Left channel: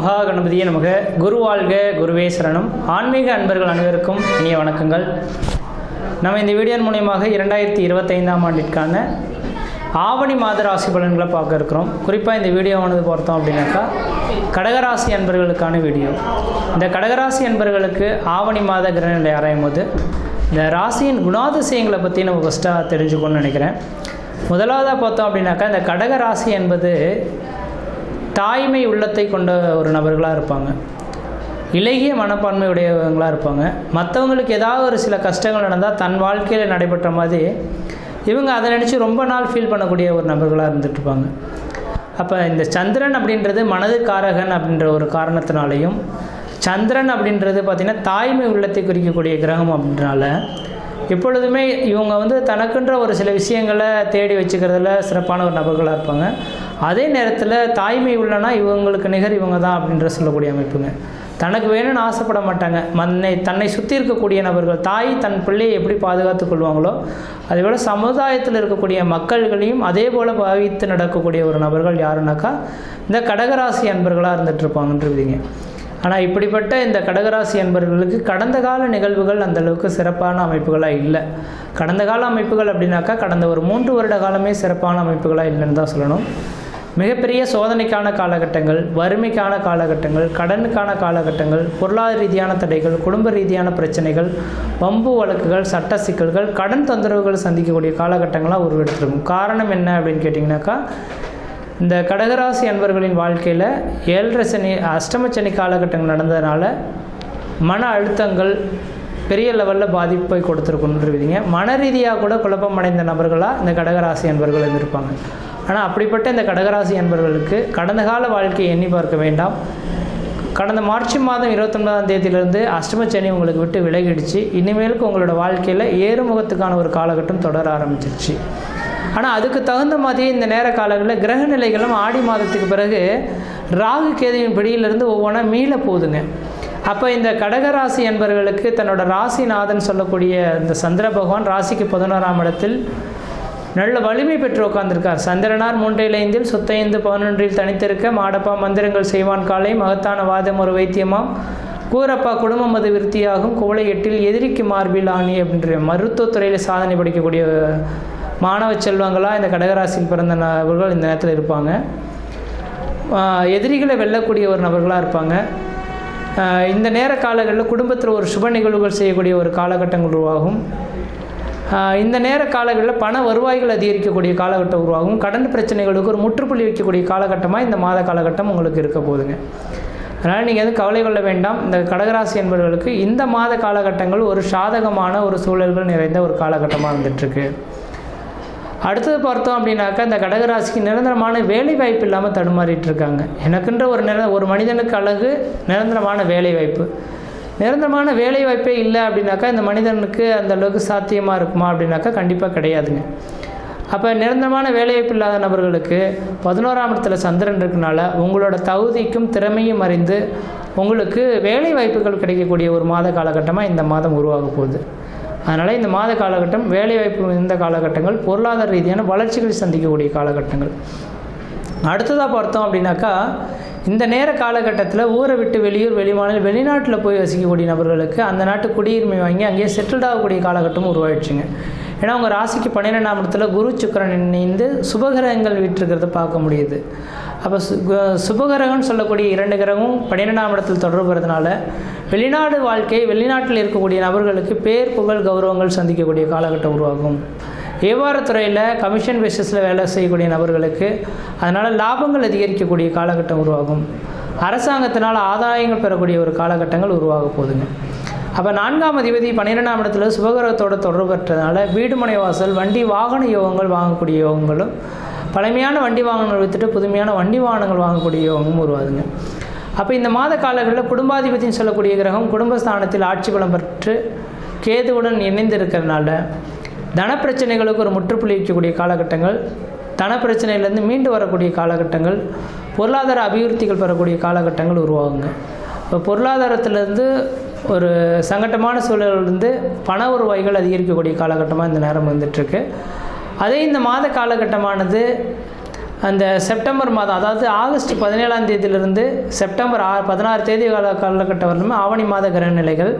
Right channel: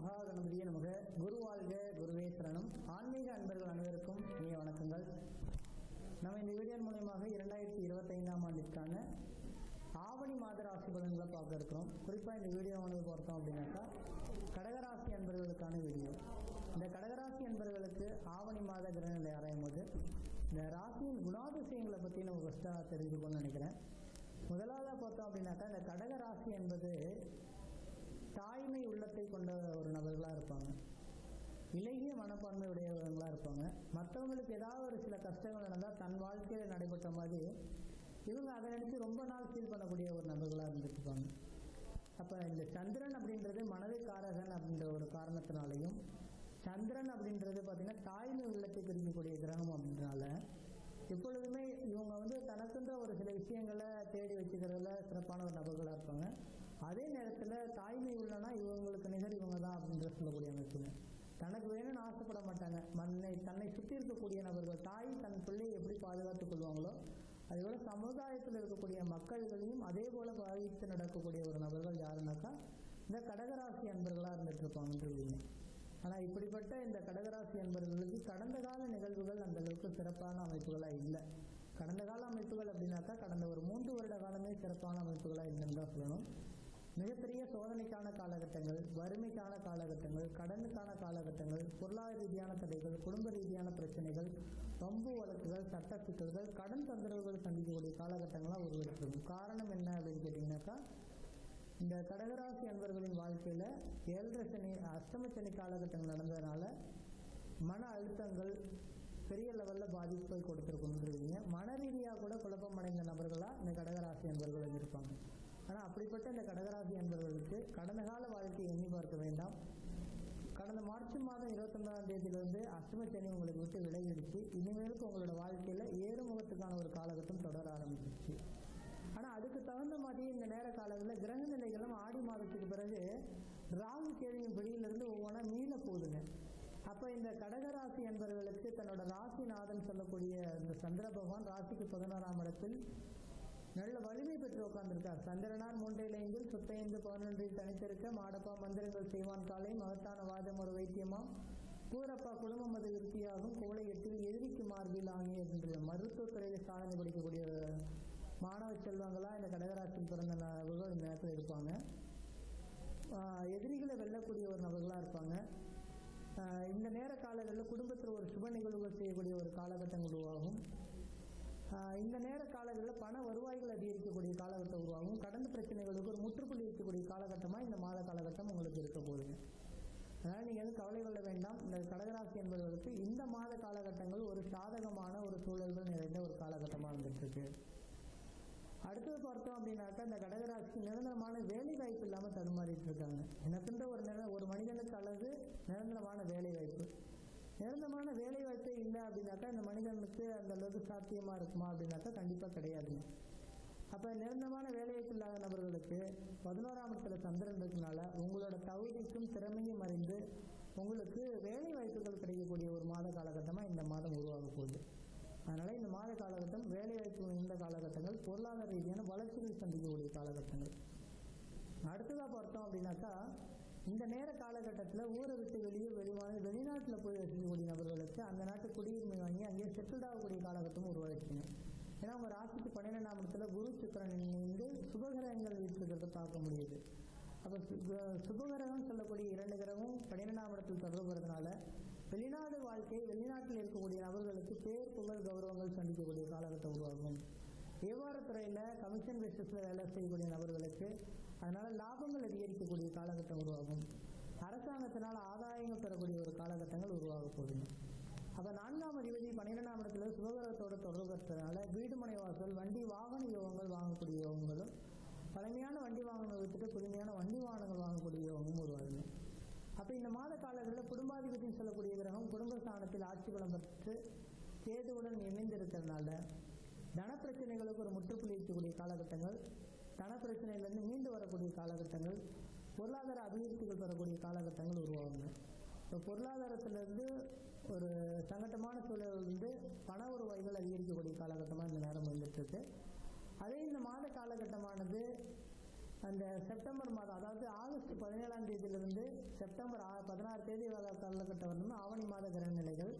மகா கணபதியே நமக. குரு வாழ்க, குருவே சரணம். ஆன்மீக அன்பர்கள் அனைவருக்கும் இனிய வணக்கங்கள். நம்ம இந்த வீடியோ மூலயமாக 2025ஆம் ஆண்டிற்கான ஆவணி மாத ராசி பலன்களை பார்க்க இருக்கிறோம். குறிப்பாக இந்த வீடியோவானது பார்த்தோம் அப்படின்னாக்கா கடகராசி அன்பர்களுக்கான வீடியோ. இந்த கடகராசி அன்பர்களுக்கு ஆவணி மாத கிரகநிலை ஆராயும் போது இந்த ராசியின் குணாதிசயங்களை பற்றி நம்ம ஃபஸ்ட்டாக தெரிஞ்சுக்கணும்னு நினைக்கிறேன். முதலாவதாக பார்த்தோம் அப்படின்னாக்கா இந்த கடகராசி என்பது தாய்மை உள்ளத்தை கொண்ட ஒரு நபர்களாக இருப்பாங்க. இலகிய மனப்பான்மை உடையவங்களாக இருப்பாங்க. மற்றவங்களுக்கு ஏதாவது ஒரு சில கஷ்டங்கள் நடந்தால் தன் வாழ்க்கையில் நடைபெற்ற மாதிரி இவங்க அதை நினச்சி ரொம்ப நாள் ஃபீல் பண்ணக்கூடிய ஒரு நபர்களாக இருந்துகிட்ருப்பாங்க. அப்போ இந்த சந்திரன் அப்படின்றது மனது காரகன் அப்படின்ற ஒரு காரணத்தினாலையும், சந்திரன் அப்படின்றது பார்த்திங்கன்னா தாய்மை உள்ளத்தை குறிக்கக்கூடிய கிரகம் அப்படின்றனால எப்பொழுதுமே இவங்க தனக்குன்ற ஒரு சில விஷயங்களை தேடி வச்சுக்கிறதுல சிறப்பான ஒரு நபர்களாக இருப்பாங்க. அதே நேரத்தில் தாய்மை உள்ளனா இவங்களுக்கு நிகர் இவங்க தான் அப்படின்ற சொல்லக்கூடிய அமைப்புங்க. தனக்கு வேணும்னு ஆசைப்பட மாட்டாங்க. தன்னை சுற்றி இருக்கக்கூடிய நபர்கள், தாய் தன் பிள்ளையை எப்படி பாதுகாத்து கொள்வாங்களோ அதேபோல் சமுதாயத்தில் இருக்கக்கூடிய மக்கள்களையும் அதே போல் பாவித்து நடக்கக்கூடிய ஒரு நபர்கள் யாருன்னாக்கா இந்த கடகராசி அன்பர்களாக இருந்துகிட்ருப்பாங்கன்றீங்க. ஆனால் இப்படிப்பட்ட இந்த கடகராசி அன்பர்களுக்கு கடந்த கால நிகழ்வுகள் அந்தளவுக்கு சிறப்பான அமைப்புகளாக இல்லை. கடந்த கால அமைப்புகள் அப்படின்னாக்கா கடந்த ஒரு 3 வருட காலமே சிறப்பான அமைப்புகளாக இல்லைன்னு தான் சொல்லணும். மிகப்பெரிய சோதனைக்கான காலகட்டங்கள், வறுமைக்கான காலகட்டங்கள், கடனுக்கான காலகட்டங்கள், பொருளாதார ரீதியான தடைகள், குடும்ப ரீதியான பிரச்சனைகள், வம்பு வழக்குகள், சட்ட சிக்கல்கள், கடன் தொந்தரவுகள் சந்திக்கக்கூடிய காலகட்டங்களாக உருவெடுத்திருக்கும். காரணம் என்ன அப்படின்னு கேட்டிங்கனாக்கா இந்த கடகராசி அன்பர்களின் வாழ்க்கையில் 7.5 சனி, அஷ்டம சனி காலகட்டங்கள் நடந்ததுனால மன அழுத்தங்கள் பெரிய லெவலில் பாதிப்பை கொடுத்துருக்குன்றீங்க. மன ரீதியாக கூட குழப்பம் அடைந்த நபர்களாக இந்த கடகராசி அன்பர்கள் இருந்திருப்பாங்க. ஆனால் அப்படிப்பட்ட இந்த கடகராசி அன்பர்களுக்கு கடந்த கால வாழ்க்கையை எண்ணி பார்க்க வேண்டாம். கடந்த மார்ச் மாதம் 29ஆம் தேதியிலிருந்து அஷ்டம சனி உங்களுக்கு விட்டு விலகிடுச்சு. இனிமேலுக்கு உங்களோட வாழ்க்கையில் ஏறுமுகத்துக்கான ஒரு காலகட்டம் தொடர ஆரம்பிச்சிருச்சு. ஆனால் அதுக்கு தகுந்த மாதிரி இந்த நேர காலங்களில் கிரக நிலைகளும் ஆடி மாதத்துக்கு பிறகு ராகு கேதுவின் பிடியிலிருந்து ஒவ்வொன்றா மீள போகுதுங்க. அப்போ இந்த கடகராசி அன்பர்களுக்கு தன்னோட ராசிநாதன் சொல்லக்கூடிய இந்த சந்திர பகவான் ராசிக்கு 11ஆம் இடத்தில் நல்ல வலிமை பெற்று உட்கார்ந்திருக்கார். சந்திரனார் 3-5 சொத்தைந்து 11 தனித்திருக்க மாடப்பா மந்திரங்கள் செய்வான் காலை மகத்தான வாதம் ஒரு வைத்தியமாம் கூரப்பா குடும்பம் அது விருத்தியாகும் குவளை 8 எதிரிக்கு மார்பில் ஆணி அப்படின்ற மருத்துவத்துறையில் சாதனை படிக்கக்கூடிய மாணவ செல்வங்களாக இந்த கடகராசியில் பிறந்த நபர்கள் இந்த நேரத்தில் இருப்பாங்க. எதிரிகளை வெல்லக்கூடிய ஒரு நபர்களாக இருப்பாங்க. இந்த நேர காலங்களில் குடும்பத்தில் ஒரு சுப நிகழ்வுகள் செய்யக்கூடிய ஒரு காலகட்டங்கள் உருவாகும். இந்த நேர காலங்களில் பண வருவாய்கள் அதிகரிக்கக்கூடிய காலகட்டம் உருவாகும். கடன் பிரச்சனைகளுக்கு ஒரு முற்றுப்புள்ளி வைக்கக்கூடிய காலகட்டமாக இந்த மாத காலகட்டம் உங்களுக்கு இருக்க போகுதுங்க. அதனால் நீங்கள் கவலை கொள்ள வேண்டாம். இந்த கடகராசி என்பவர்களுக்கு இந்த மாத காலகட்டங்கள் ஒரு சாதகமான ஒரு சூழல்கள் நிறைந்த ஒரு காலகட்டமாக இருந்துகிட்ருக்கு. அடுத்தது பார்த்தோம் அப்படின்னாக்கா இந்த கடகராசிக்கு நிரந்தரமான வேலை வாய்ப்பு இல்லாமல் தடுமாறிட்டு இருக்காங்க. எனக்குன்ற ஒரு மனிதனுக்கு அழகு நிரந்தரமான வேலை வாய்ப்பு. நிரந்தரமான வேலை வாய்ப்பே இல்லை அப்படின்னாக்கா இந்த மனிதனுக்கு அந்த அளவுக்கு சாத்தியமாக இருக்குமா அப்படின்னாக்கா கண்டிப்பாக கிடையாதுங்க. அப்போ நிரந்தரமான வேலைவாய்ப்பு இல்லாத நபர்களுக்கு 11ஆம் இடத்துல சந்திரன் இருக்கனால உங்களோட தகுதிக்கும் திறமையும் அறிந்து உங்களுக்கு வேலை வாய்ப்புகள் கிடைக்கக்கூடிய ஒரு மாத காலகட்டமாக இந்த மாதம் உருவாக போகுது. அதனால் இந்த மாத காலகட்டம் வேலைவாய்ப்பு இந்த காலகட்டங்கள் பொருளாதார ரீதியான வளர்ச்சிகள் சந்திக்கக்கூடிய காலகட்டங்கள். அடுத்ததாக பார்த்தோம் அப்படின்னாக்கா இந்த நேர காலகட்டத்தில் ஊரை விட்டு வெளியூர் வெளிமாநில வெளிநாட்டில் போய் வசிக்கக்கூடிய நபர்களுக்கு அந்த நாட்டு குடியுரிமை வாங்கி அங்கேயே செட்டில்ட் ஆகக்கூடிய காலகட்டமும் உருவாயிடுச்சுங்க. ஏன்னா உங்கள் ராசிக்கு 12ஆம் இடத்துல குரு சுக்கிரன் இணைந்து சுபகிரகங்கள் விட்டுருக்கிறத பார்க்க முடியுது. அப்போ சுபகிரகம்னு சொல்லக்கூடிய 2 கிரகமும் 12ஆம் இடத்தில் தொடர்புறதுனால வெளிநாடு வாழ்க்கை, வெளிநாட்டில் இருக்கக்கூடிய நபர்களுக்கு பேர் புகழ் கௌரவங்கள் சந்திக்கக்கூடிய காலகட்டம் உருவாகும். வியாபாரத்துறையில் கமிஷன் பேசிஸில் வேலை செய்யக்கூடிய நபர்களுக்கு அதனால் லாபங்கள் அதிகரிக்கக்கூடிய காலகட்டம் உருவாகும். அரசாங்கத்தினால் ஆதாயங்கள் பெறக்கூடிய ஒரு காலகட்டங்கள் உருவாக போகுதுங்க. அப்போ 4ஆம் அதிபதி 12ஆம் இடத்துல சுபகிரகத்தோடு தொடர்பு பெற்றதுனால வீடு மனை வாசல் வண்டி வாகன யோகங்கள் வாங்கக்கூடிய யோகங்களும், பழமையான வண்டி வாகனங்கள் விற்றுட்டு புதுமையான வண்டி வாகனங்கள் வாங்கக்கூடிய யோகமும் உருவாதுங்க. அப்போ இந்த மாத காலங்களில் குடும்பாதிபதினு சொல்லக்கூடிய கிரகம் குடும்பஸ்தானத்தில் ஆட்சி பலம் பெற்று கேதுவுடன் இணைந்து இருக்கிறதுனால தனப்பிரச்சனைகளுக்கு ஒரு முற்றுப்புள்ளி வைக்கக்கூடிய காலகட்டங்கள், தனப்பிரச்சனையிலேருந்து மீண்டு வரக்கூடிய காலகட்டங்கள், பொருளாதார அபிவிருத்திகள் பெறக்கூடிய காலகட்டங்கள் உருவாகுங்க. இப்போ பொருளாதாரத்திலேருந்து ஒரு சங்கட்டமான சூழலிருந்து பண வருவாய்கள் அதிகரிக்கக்கூடிய காலகட்டமாக இந்த நேரம் வந்துட்டுருக்கு. அதே இந்த மாத காலகட்டமானது அந்த செப்டம்பர் மாதம், அதாவது ஆகஸ்ட் 17ஆம் தேதியிலிருந்து செப்டம்பர் 16 தேதி காலகட்டம் வரலுமே ஆவணி மாத கிரக நிலைகள்.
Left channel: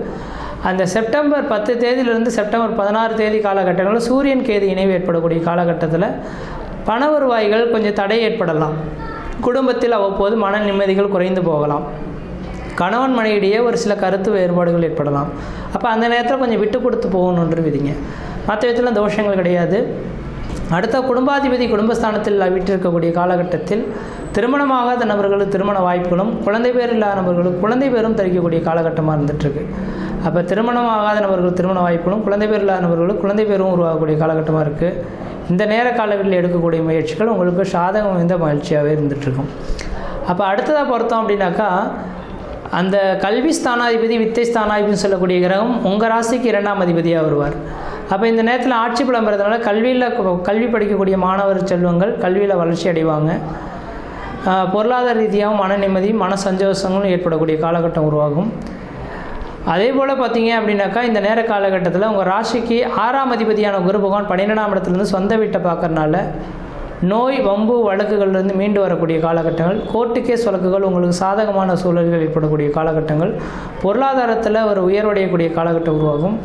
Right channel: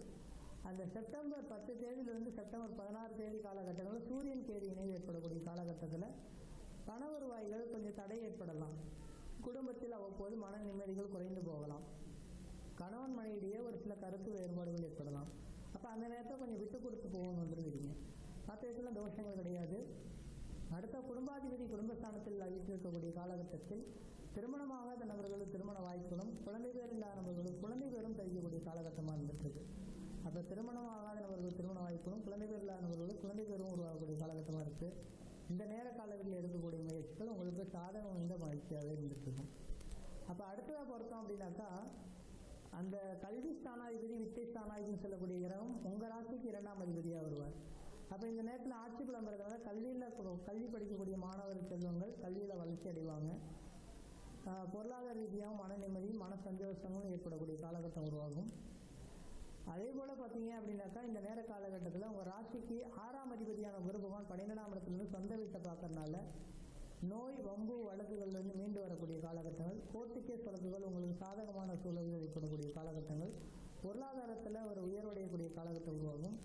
அந்த செப்டம்பர் 10 தேதியிலிருந்து செப்டம்பர் 16 தேதி காலகட்டங்களில் சூரியன் கேது இணைவு ஏற்படக்கூடிய காலகட்டத்தில் பண வருவாய்கள் கொஞ்சம் தடை ஏற்படலாம். குடும்பத்தில் அவ்வப்போது மன நிம்மதிகள் குறைந்து போகலாம். கணவன் மனைவிடையே ஒரு சில கருத்து வேறுபாடுகள் ஏற்படலாம். அப்போ அந்த நேரத்தில் கொஞ்சம் விட்டு கொடுத்து போகணுன்ற விதிங்க. மற்ற விதத்தில் தோஷங்கள் கிடையாது. அடுத்த குடும்பாதிபதி குடும்பஸ்தானத்தில் வீட்டிருக்கக்கூடிய காலகட்டத்தில் திருமணமாகாத நபர்களுக்கு திருமண வாய்ப்புகளும், குழந்தை பேர் இல்லாத நபர்களுக்கு குழந்தை பேரும் தரிக்கக்கூடிய காலகட்டமாக இருந்துகிட்ருக்கு. அப்போ திருமணமாகாத நபர்கள் திருமண வாய்ப்புகளும், குழந்தை பேர் இல்லாத நபர்களுக்கு குழந்தை பேரும் உருவாகக்கூடிய காலகட்டமாக இருக்குது. இந்த நேர காலங்களில் எடுக்கக்கூடிய முயற்சிகள் உங்களுக்கு சாதகம் வாய்ந்த மகிழ்ச்சியாகவே இருந்துகிட்ருக்கும். அப்போ அடுத்ததாக பொறுத்தோம் அப்படின்னாக்கா, அந்த கல்வி ஸ்தானாதிபதி வித்தை ஸ்தானாதிபதினு சொல்லக்கூடிய கிரகம் உங்கள் ராசிக்கு 2ஆம் அதிபதியாக வருவார். அப்போ இந்த நேரத்தில் ஆட்சி பலம் பெறதுனால கல்வி படிக்கக்கூடிய மாணவர் செல்வங்கள் கல்வியில் வளர்ச்சி அடைவாங்க. பொருளாதார ரீதியாகவும் மன நிம்மதியும் மன சந்தோஷங்களும் ஏற்படக்கூடிய காலகட்டம் உருவாகும். அதே போல் பார்த்தீங்க அப்படின்னாக்கா, இந்த நேர காலகட்டத்தில் உங்கள் ராசிக்கு 6ஆம் அதிபதியான குரு பகவான் 12ஆம் இடத்துலேருந்து சொந்த வீட்டை பார்க்கறனால நோய் வம்பு வழக்குகள்லேருந்து மீண்டு வரக்கூடிய காலகட்டங்கள், கோர்ட்டு கேஸ் வழக்குகள் உங்களுக்கு சாதகமான சூழல்கள் ஏற்படக்கூடிய காலகட்டங்கள், பொருளாதாரத்தில் ஒரு உயர்வடையக்கூடிய காலகட்டம் உருவாகும்.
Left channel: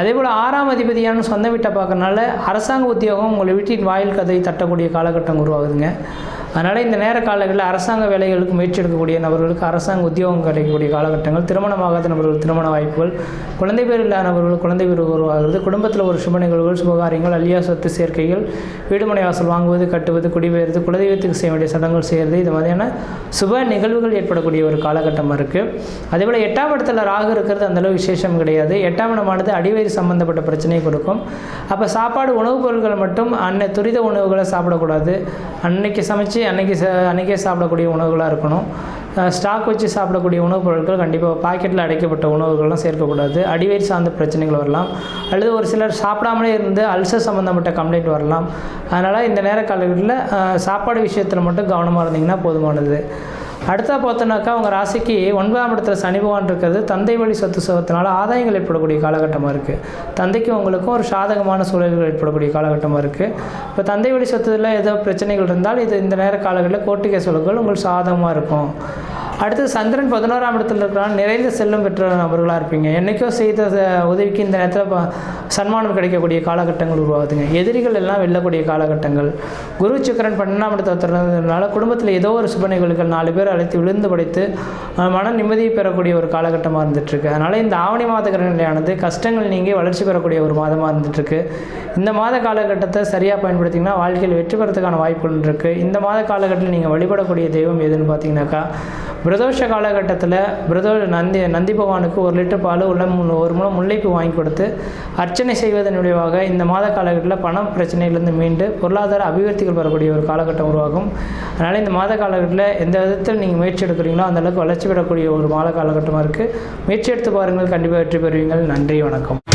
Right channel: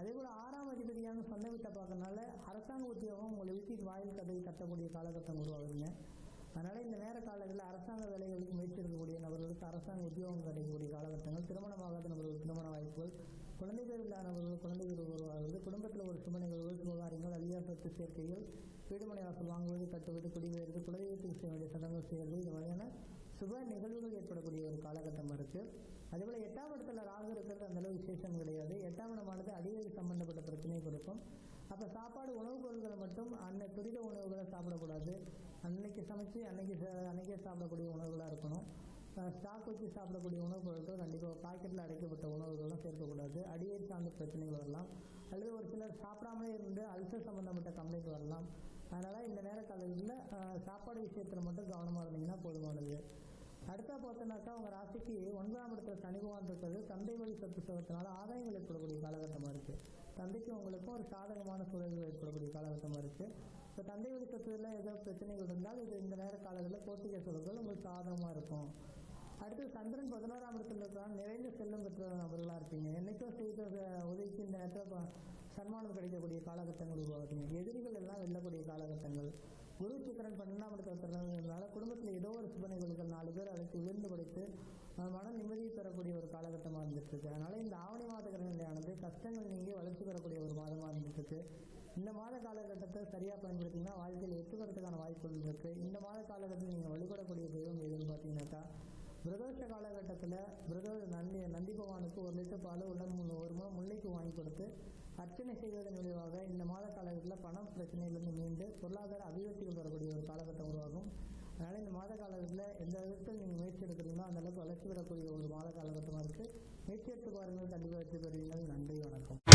அதேபோல் 6ஆம் அதிபதியான சொந்த வீட்டை பார்க்கறனால அரசாங்க உத்தியோகம் உங்கள் வீட்டின் வாயில் கதை தட்டக்கூடிய காலகட்டம் உருவாகுதுங்க. அதனால் இந்த நேர காலங்களில் அரசாங்க வேலைகளுக்கு முயற்சி எடுக்கக்கூடிய நபர்களுக்கு அரசாங்க உத்தியோகம் கிடைக்கக்கூடிய காலகட்டங்கள், திருமணமாகாத நபர்கள் திருமண வாய்ப்புகள், குழந்தை பேர் இல்லாத நபர்கள் குழந்தை பேர் உருவாகிறது, குடும்பத்தில் ஒரு சுப நிகழ்வுகள், சுபகாரியங்கள், அழியா சொத்து சேர்க்கைகள், வீடுமனை வாசல் வாங்குவது, கட்டுவது, குடிபெயர்ந்து குலதெய்வத்துக்கு செய்ய வேண்டிய சடங்குகள் செய்கிறது, இது மாதிரியான சுப நிகழ்வுகள் ஏற்படக்கூடிய ஒரு காலகட்டமாக இருக்குது. அதேபோல் 8ஆம் இடத்துல ராகு இருக்கிறது அந்தளவு விசேஷம் கிடையாது. 8ஆம் இடமானது அடிவயிறு சம்பந்தப்பட்ட பிரச்சனையை கொடுக்கும். அப்போ சாப்பாடு உணவுப் பொருட்கள் மட்டும் துரித உணவுகளை சாப்பிடக்கூடாது. அன்னைக்கு சமைச்சு அன்றைக்கே சாப்பிடக்கூடிய உணவுகளாக இருக்கணும். ஸ்டாக் வச்சு சாப்பிடக்கூடிய உணவுப் பொருட்கள் கண்டிப்பாக பாக்கெட்டில் அடைக்கப்பட்ட உணவுகள்லாம் சேர்க்கக்கூடாது. அடிவயிறு சார்ந்த பிரச்சனைகள் வரலாம். அல்லது ஒரு சிலர் சாப்பிடாமலே இருந்து அல்சர் சம்மந்தப்பட்ட கம்ப்ளைண்ட் வரலாம். அதனால் இந்த நேர காலங்களில் சாப்பாடு விஷயத்தில் மட்டும் கவனமாக இருந்தீங்கன்னா போதுமானது. அடுத்தா பார்த்தோன்னாக்கா, உங்கள் ராசிக்கு 9ஆம் இடத்துல சனி பகவான் இருக்கிறது தந்தை வழி சொத்து சுகத்தினால ஆதாயங்கள் ஏற்படக்கூடிய காலகட்டமாக இருக்குது. தந்தைக்கும் உங்களுக்கும் ஒரு சாதகமான சூழல்கள் ஏற்படக்கூடிய காலகட்டமாக இருக்குது. இப்போ தந்தை வழி சொத்துல ஏதோ பிரச்சனைகள் இருந்தால் இது இந்த நேர காலங்களில் கோர்ட்டு கேஸ் வழக்குகள் உங்களுக்கு சாதகமாக இருக்கும். அடுத்து சந்திரன் 11ஆம் இடத்துல இருக்கிறான். நிறைந்த செல்வம் பெற்ற நபர்களாக இருப்பீங்க. என்றைக்கோ செய்த உதவிக்கு இந்த நேரத்தில் சன்மானம் கிடைக்கக்கூடிய காலகட்டங்கள் உருவாகுதுங்க. எதிரிகள் எல்லாம் வெல்லக்கூடிய காலகட்டங்கள். குரு சுக்கிரன் 12ஆம் இடத்துல குடும்பத்தில் ஏதோ ஒரு சுப நிகழ்வுகள் 4 பேர் அழைத்து விழுந்து படைத்து மன நிம்மதியை பெறக்கூடிய ஒரு காலகட்டமாக இருந்துகிட்ருக்கு. அதனால் இந்த ஆவணி மாத கிரக நிலையானது கஷ்டங்கள் நீங்கி வளர்ச்சி பெறக்கூடிய ஒரு மாதமாக இருந்துகிட்ருக்கு. இந்த மாத காலகட்டத்தை சரியாக பயன்படுத்திங்கன்னா வாழ்க்கையில் வெற்றி பெறத்துக்கான வாய்ப்புகள் இருக்குது. இந்த மாத காலகட்டத்தில் நீங்கள் வழிபடக்கூடிய தெய்வம் எதுன்னு பார்த்தீங்கன்னாக்கா, பிரதோஷ காலகட்டத்தில் நந்தி பகவானுக்கு 1 லிட்டர் பால் உள்ள 1 முழம் முல்லைப்பூ வாங்கி கொடுத்து அர்ச்சனை செய்வதன் விளைவாக இந்த மாத காலகட்டத்தில் பணம் பிரச்சனையிலிருந்து மீண்டு பொருளாதார அபிவிருத்திகள் பெறக்கூடிய ஒரு காலகட்டம் உருவாகும். அதனால் இந்த மாத காலகட்டத்தில் எந்த விதத்தில் நீங்கள் முயற்சி எடுக்கிறீங்களோ அந்தளவுக்கு வளர்ச்சி பெறக்கூடிய ஒரு மாத காலகட்டமாக இருக்குது. முயற்சி எடுத்து பாருங்கள், கண்டிப்பாக வெற்றி பெறுவீங்கள். நன்றி, வணக்கம்.